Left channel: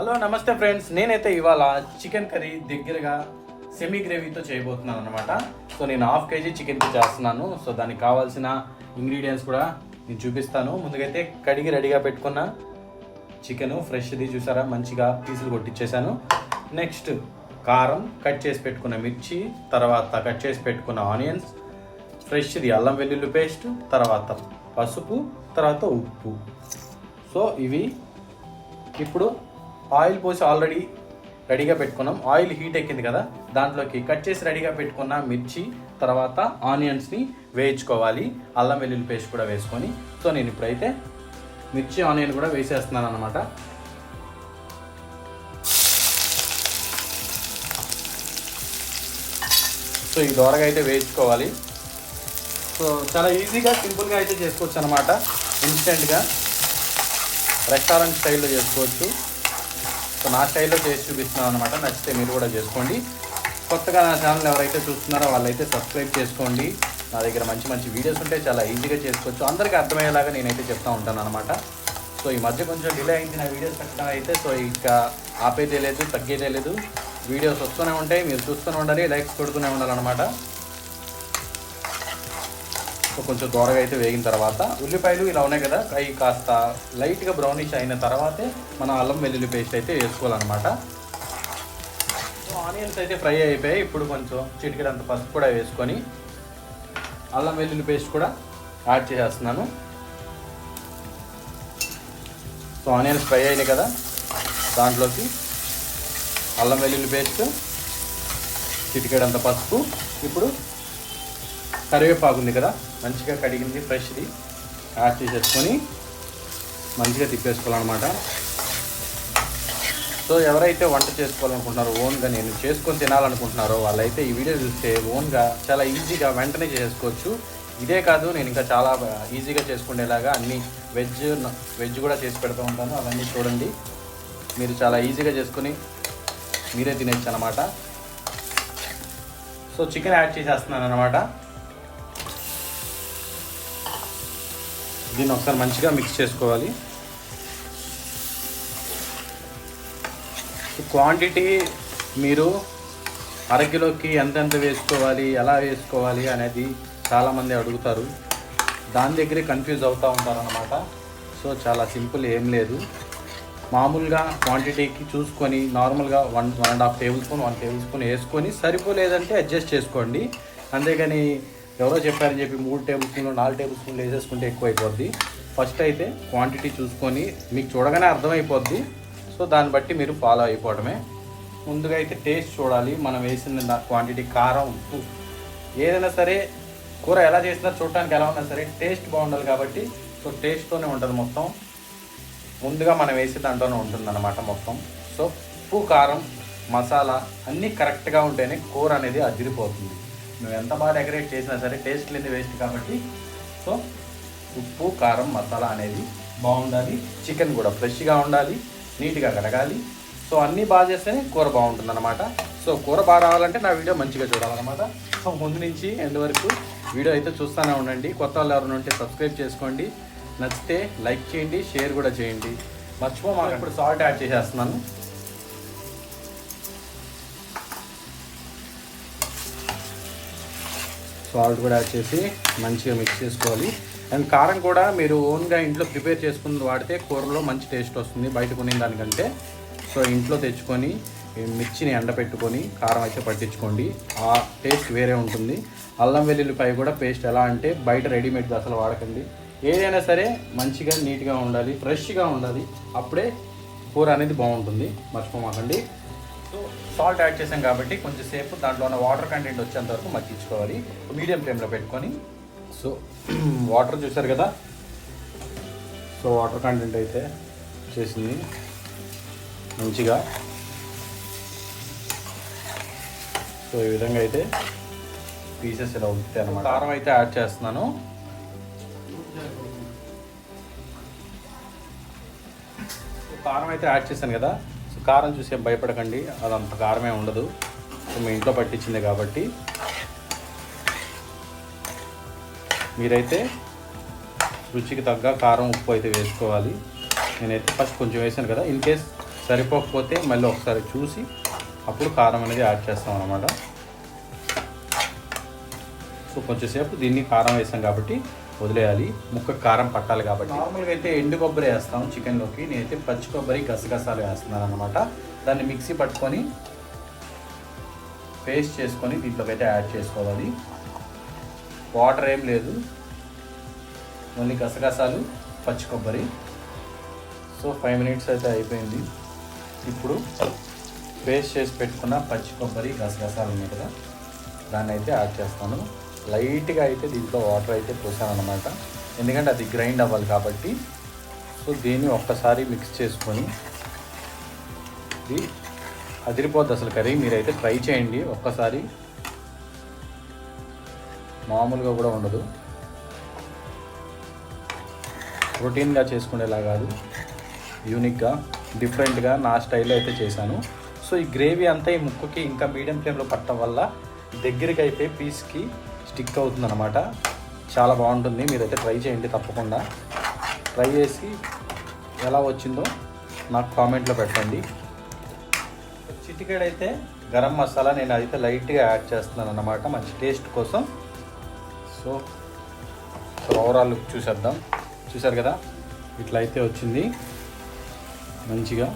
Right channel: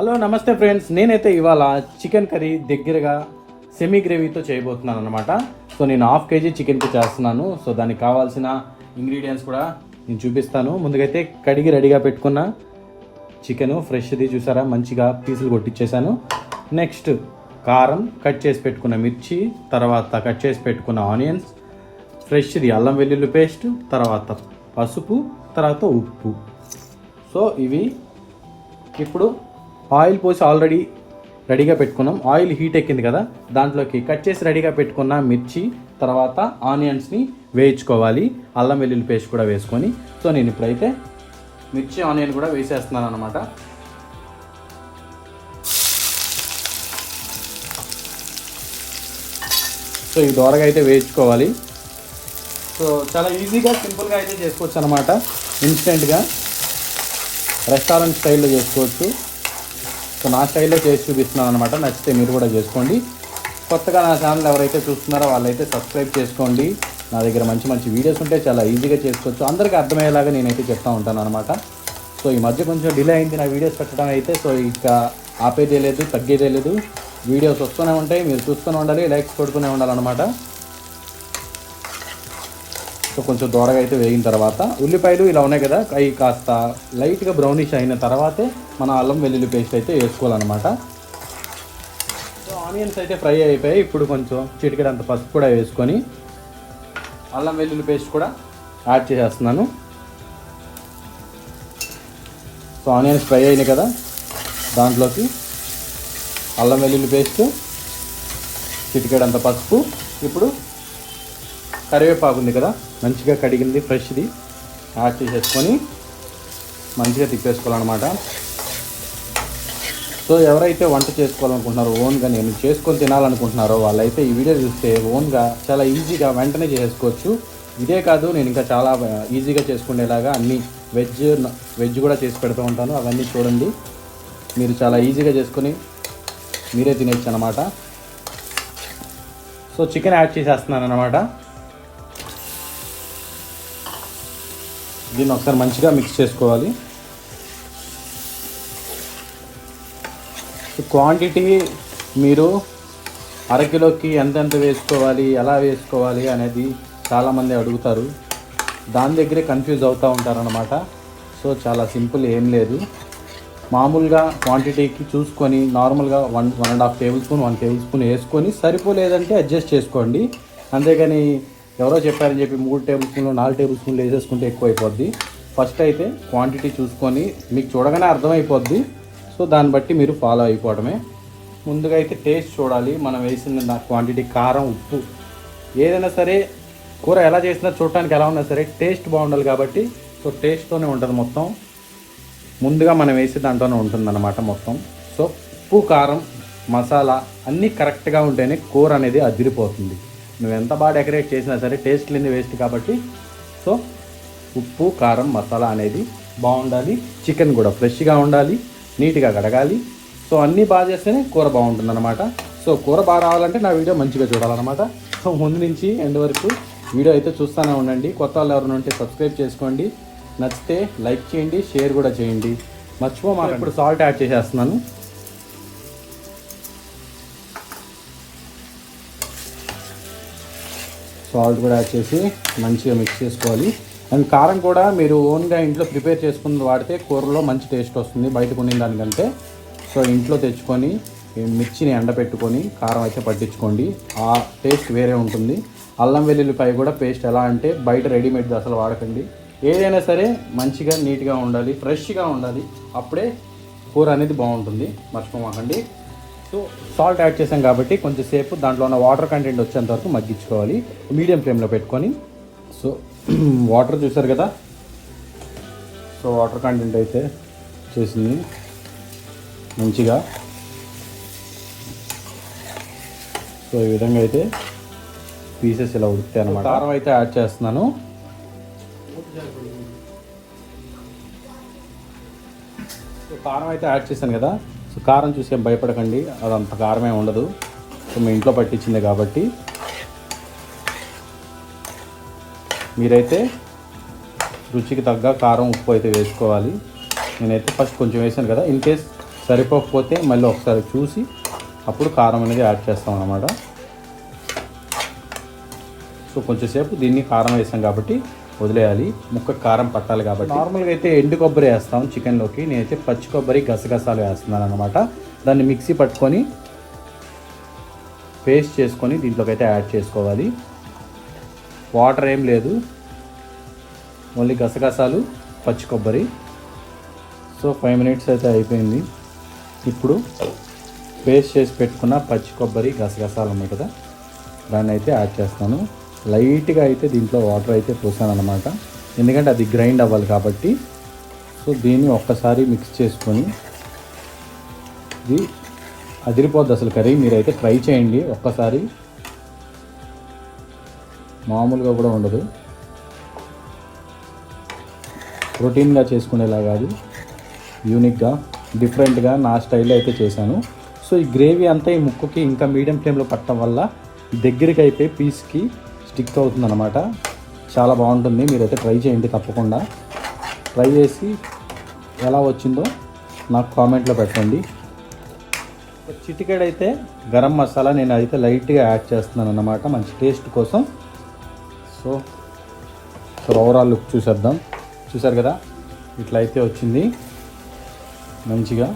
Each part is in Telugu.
హలో నమస్తే ఫ్రెండ్స్, నేనైతే ఇవాళ చికెన్ కర్రీ దగ్గరగా సెమీ గ్రేవీతో చేయబోతున్నాను అనమాట. సో నేను హాఫ్ కేజీ చికెన్కి చేస్తున్నాను. సో దానికి కావాల్సిన ఇంగ్రీడియంట్స్ కూడా నేను చూపిస్తాను. ముందుకైతే కడిగి రెడీగా పెట్టుకున్న చికెన్ ఫ్రెష్ది చూసారా, మంచిగా పీసులు కొట్టించేసాను. నెక్స్ట్ కారం, కట్ చేసి పెట్టుకున్న మిర్చి, తర్వాత కట్ చేసి పెట్టుకున్న ఆనియన్స్, ఫ్రెష్ది అల్లం వెల్లుల్లి పేస్ట్, తర్వాత పసుపు, తర్వాత ఉప్పు. సో ఇవి ఇప్పుడు ఆయిల్ పోసి ఆల్రెడీ రెడీగా పెట్టుకున్నాం. ఆయిల్ హీట్ ఎక్కింది కదా, దాంట్లోకి కట్ చేసి రెడీగా పెట్టుకున్న మిర్చి, తర్వాత ఆనియన్స్ని వేయించుకోవాలి. అల్లం వెల్లుల్లి పేస్ట్ కూడా వేసుకొని. సో నేను ఇప్పుడైతే మిర్చి ఆనియన్ కూడా వేసేస్తున్నాను అనమాట. సో ఈ దోరగా అయితే వేయించుకోవాలి. సో చాలా ఈజీగా సింపుల్గా అయితే చేసుకోవచ్చు అనమాట. ఇన్స్టెంట్గా రెస్టారెంట్ స్టైల్లో చేసుకోవచ్చు. సో నా స్టైల్లో చేసి చూపిస్తున్నాను అనమాట. నచ్చితే మీరు కూడా చేసుకోండి. కొత్తగా నా ఛానల్ ఎవరైతే చూస్తున్నారో వాళ్ళైతే సబ్స్క్రైబ్ చేసుకోండి. నా దగ్గర మంచి మంచి వీడియోస్ ఉంటే చాలా ఈజీగా చేసుకోవచ్చు. అందరికీ అర్థమయ్యేలాగా నేనైతే చెప్తా ఉంటాను అనమాట. సో ఈ మధ్య కొంచెం డిలే అయింది నా వీడియోస్ పెట్టడం అయితే. సో ఇక ఆపేదే లేదు, తగ్గేదే లేదు. వీడియోస్ వస్తూనే ఉంటాయి, మీరు చూస్తూనే ఉండాలి, లైక్స్ కొడుతూనే ఉండాలన్నమాట. సో కొంచెం దూరగా అయితే వేగిన తర్వాత ఉల్లిపాయలు ఇలా ఉన్నాయి కదా, అవి కాస్త లైట్గా బ్రౌనిష్ అయిన తర్వాతే మన అల్లం వెల్లుల్లి పేస్ట్ అయితే వేసుకోవాలన్నమాట. ఆనియన్స్ అయితే ఫ్రై అయిపోయాయి. ఇప్పుడు కొంచెం చిటికెడంత పసుపు కూడా వేసుకొని అల్లం వెల్లుల్లి పేస్ట్ కూడా యాడ్ చేసేస్తున్నాను. సో ఆనియన్స్ ఫ్రై అయినాయి కదా, దాంట్లోకి అల్లం వెల్లుల్లి పేస్ట్, చిటికెడంత పసుపు, ఇప్పుడు కరివేపాకు ఉంది కదా, మంచిగా కడిగింది ఫ్రెష్ది యాడ్ చేసేసుకొని మంచిగా తిప్పేసుకోవాలన్నమాట. సో ఎవరైతే వంట చేసుకోవాలనుకుంటున్నారో, ఓన్గా నేను చేసుకొని తినాలనుకుంటున్నారో వాళ్ళైతే ఈ వీడియో చూస్తే ఓన్గా చాలా ఈజీగా వెంటనే చేసుకోవచ్చు. ఇదే కాదు, నేను ఇంకా చాలా ఈజీగా చేసుకునేలాగా అన్ని వెజ్ కూడా చేసి పెడుతూ ఉంటాను. అవన్నీ చూడండి, మీరు చాలా ఈజీగా చేసుకొని మీరే తినేయచ్చు అనమాట. సో చికెన్ యాడ్ చేసేస్తున్నాను అనమాట. దీన్ని ఒకసారి మంచిగా మిక్స్ చేసుకోవాలి. క్వాంటిటీ మీరు అరకిలోకి ఎంతెంత వేసుకోవాలి, ఎలా వేసుకోవాలి అనేది చాలామంది అడుగుతారు. దాని దగ్గరే కన్ఫ్యూజ్ అవుతూ ఉంటారు అనమాట. సో చాలా సింపుల్, ఏం లేదు. మామూలుగా క్వాంటిటీకి చూసుకొని నార్మల్గా 1.5 టేబుల్ స్పూన్ 1 టేబుల్ స్పూన్ వేసుకొని సరిపోలేదంటే అడ్జస్ట్ చేసుకోండి. అంతేగాని ఎవరో చెప్పారని చెప్పి 3 టేబుల్ స్పూన్లు 4 టేబుల్ స్పూన్లు వేసేసుకుంటే ఎక్కువ అయిపోద్ది. ఫస్ట్ అయితే క్వాంటిటీ చూసుకొని మీకు చూడగానే అర్థమైపోద్ది. సో దాన్ని బట్టి మీరు ఫాలో అయిపోవడమే. ముందుగా అయితే టేస్ట్ చూడాలి, మనం వేసిన క్వాంటిటీ, కారం, ఉప్పు, ఏదైనా సరే కూర ఎలా చేసినా చూడటానికి ఎలా ఉన్నా సరే టేస్ట్ బాగుండాలి కాబట్టి. సో టేస్ట్తోనే ఉంటుంది మొత్తం, ముందుగా మనం వేసి దాంట్లోనే ఉంటుందన్నమాట మొత్తం. సో ఉప్పు, కారం, మసాలా అన్నీ కరెక్ట్గా ఉంటేనే కూర అనేది అదిరిపోతుంది. నువ్వు ఎంత బాగా డెకరేట్ చేసినా సరే టేస్ట్ లేని వేస్ట్ కాబట్టి. సో ఉప్పు, కారం, మసాలా అనేది బాగుండాలి. చికెన్ కూడా ఫ్రెష్గా ఉండాలి, నీట్గా కడగాలి. సో అన్నీ బాగా చేస్తేనే కూర బాగుంటుంది అనమాట. సో కూర బాగా రావాలంటే నా వీడియో మంచిగా చూడాలన్నమాట. సో ముందు నుంచి ఎండ్ వరకు వీడియో అయితే చూస్తూనే ఉండండి. కొత్త వాళ్ళు ఎవరైనా ఉంటే సబ్స్క్రైబ్ చేసుకోండి, నచ్చితే లైక్ చేయండి, షేర్ కూడా చేయండి, మర్చిపోమాక. ఇప్పుడు సాల్ట్ యాడ్ చేసేస్తున్నాను. సాల్ట్ కూడా యాడ్ చేసి మంచిగా మిక్స్ చేసుకోవాలి. అండ్ కారం కూడా మీరు ఓన్గా ఇంట్లో ప్రిపేర్ చేసుకుని వాడితే కూరలో మంచి టేస్ట్ వస్తుంది బయట కొనిన దానికంటే. సో ఇంట్లో తెచ్చుకొని మిర్చిని ఎండబెట్టుకొని కారం అయితే పట్టించుకోండి, ఆ టేస్ట్ వేరే ఉంటుంది. అల్లం వెల్లుల్లిపాయ కూడా పేస్ట్ ఎలా అంటే బయట రెడీమేడ్ అసలు వాడకండి. ఏదైనా సరే మంచిగా నీట్గా ఉండాలి, ఫ్రెష్గా ఉండాలి, అప్పుడే కూర అనేది బాగుంటుంది, మర్చిపోమాకండి. సో సాల్ట్ యాడ్ చేసాం కాబట్టి కొంచెంసేపు దాంట్లో ఉన్న వాటర్ కంటెంట్ వచ్చేంత వరకు మగ్గించుకోవాలి మీడియం ఫ్లేమ్లో పెట్టుకొని. సో వాటర్ చూసారు కదా, సో వాటర్ కంటెంట్ అయితే చేసింది మంచిగా. సో ఈ విధంగా అయితే పీసెస్ ఇలా ఉడుకుతాయి అన్నమాట. కారం అయితే యాడ్ చేస్తున్నాను. కారం అయితే యాడ్ చేశాను కదా. సో కారం చూసి భయపడకండి, అదంత కారమే ఉండదు. సో మీ ఇంట్లో పట్టించిందే కాబట్టి మీరైతే రుచికి తగ్గ కారం, ఉప్పు అయితే వేసుకోవాలి. నేనైతే ఫస్ట్ కొంచెం వేసాను కదా, ఇన్ కేస్ సరిపోకపోతే మళ్ళీ ఒకసారి చూసి అప్పుడు కారం అనేది యాడ్ చేస్తాం అన్నమాట. సో కొంచెంసేపు దీన్ని కారం వేసాం కాబట్టి వదిలేయాలి, ముక్క కారం పట్టాలి కాబట్టి. నార్మల్గా అయితే ఎండు కొబ్బరి వేస్తాం చికెన్లోకి, నేనైతే పచ్చి కొబ్బరి గసగసాలు వేస్తున్నాను అనమాట. దాన్ని మిక్సీ పట్టుకొని పేస్ట్ చేసుకొని దీంట్లోకి అయితే యాడ్ చేసుకోవాలి. వాటర్ ఏం లేదు, ఓన్లీ గసగసాలు పచ్చి కొబ్బరి. సో 5 మినిట్స్ అయితే అయిపోయింది. ఇప్పుడు పేస్ట్ చేసి పెట్టుకున్న పచ్చి కొబ్బరి గసగసాలు ఉన్నాయి కదా, దాన్ని అయితే యాడ్ చేస్తాను. లైట్గా అయితే దీంట్లో వాటర్ అయితే పోసాను అనమాట, ఎందుకంటే అది గ్రైండ్ అవ్వాలి కాబట్టి. సో దీన్ని ఒక్కసారి మిక్స్ చేసుకొని, ఇది అదిరిపోద్ది అసలు కర్రీ. మీరైతే ట్రై చేయండి ఒక్కసారి, మామూలుగా కూడా ఉండదు. రొటీన్గా చేసుకునేలా కాదు, యూనిక్గా డిఫరెంట్గా నా స్టైల్లో అయితే చేశాను. సో ఈ గ్రేవీ అంతా ఈ ముక్కకి ఇంకా మీడియం ఫ్లేమ్లో పట్టడం వల్ల దగ్గరికి అయితే పీస్కి స్టిక్ అవుతుంది అనమాట. చాలా బాగుంటుంది, మీరైతే ట్రై చేయండి తప్పకుండా. ట్రై చేసి ఎలా వచ్చిందో నాకు కామెంట్లో పెట్టండి. చిటికెడైతే గరం మసాలా నేను అయితే లైట్గా యాడ్ చేస్తున్నాను అన్నమాట, మంచి టేస్ట్ కోసం. సో ఓవరాల్ లుక్ చూసేద్దాం. చూసారు కదా, ఇట్లా అయితే వచ్చింది మంచిగా.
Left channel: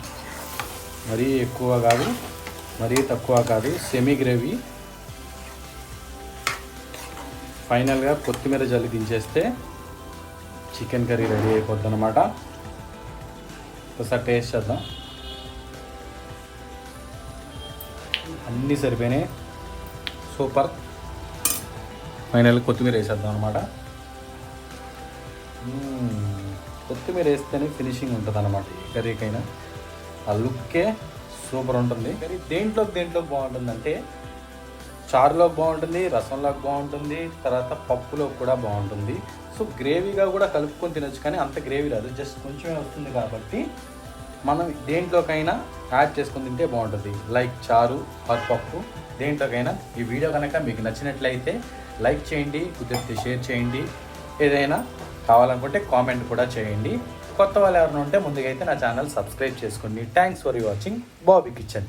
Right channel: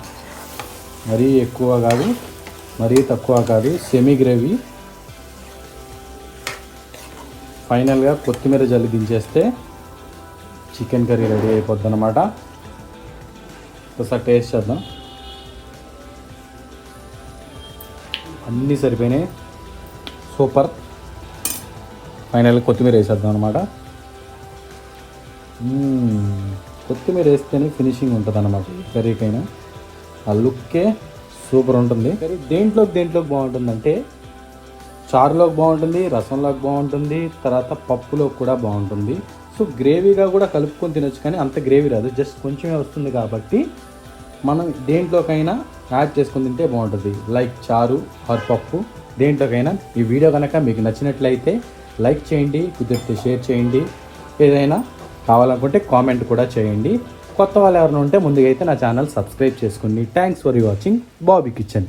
మరీ ఎక్కువ కాదు, మరీ తక్కువ కాదు, సెమీ గ్రేవీ. ఫైనల్గా కొత్తిమీర జల్లి దించేస్తే చికెన్ కర్రీ రెడీ అయిపోద్ది అనమాట. ఒకసారి టేస్ట్ చేద్దాం. అన్నీ సరిపోయినాయి, సూపర్. ఫైనల్గా కొత్తిమీర వేసేద్దాం అనమాట. కొత్తిమీర వేస్తేనే ఫినిషింగ్ ఉంటుంది అనమాట కర్రీకైనా. ఆ లుక్కే సూపర్ ఉంటుంది. దేంట్లోకి బాగుంటుందంటే చారులోకి బాగుంటుంది, రసంలోకి బాగుంటుంది, తర్వాత పప్పులో కూడా బాగుంటుంది. సో గ్రేవీగా కూడా కలుపుకొని తినొచ్చు, కానీ అంత గ్రేవీ రాదు, జస్ట్ కొంచెమే వస్తుంది కాబట్టి మనం దేంట్లోకైనా యాడ్ చేసుకొని తింటే బాగుంటుంది. లైక్ చారు ఆర్ పప్పు, దేంట్లోకైనా. ఈ వీడియో కనుక మీకు నచ్చినట్లయితే లైక్ చేయండి, కుదిరితే షేర్ చేయండి. ఏదైనా కావాలనుకుంటే కామెంట్ కూడా చేయండి. కొత్త వాళ్ళు ఎవరైనా ఉంటే ముందుగా అయితే నా ఛానల్ సబ్స్క్రైబ్ చేసుకోండి. Thanks for watching Bobby kitchen.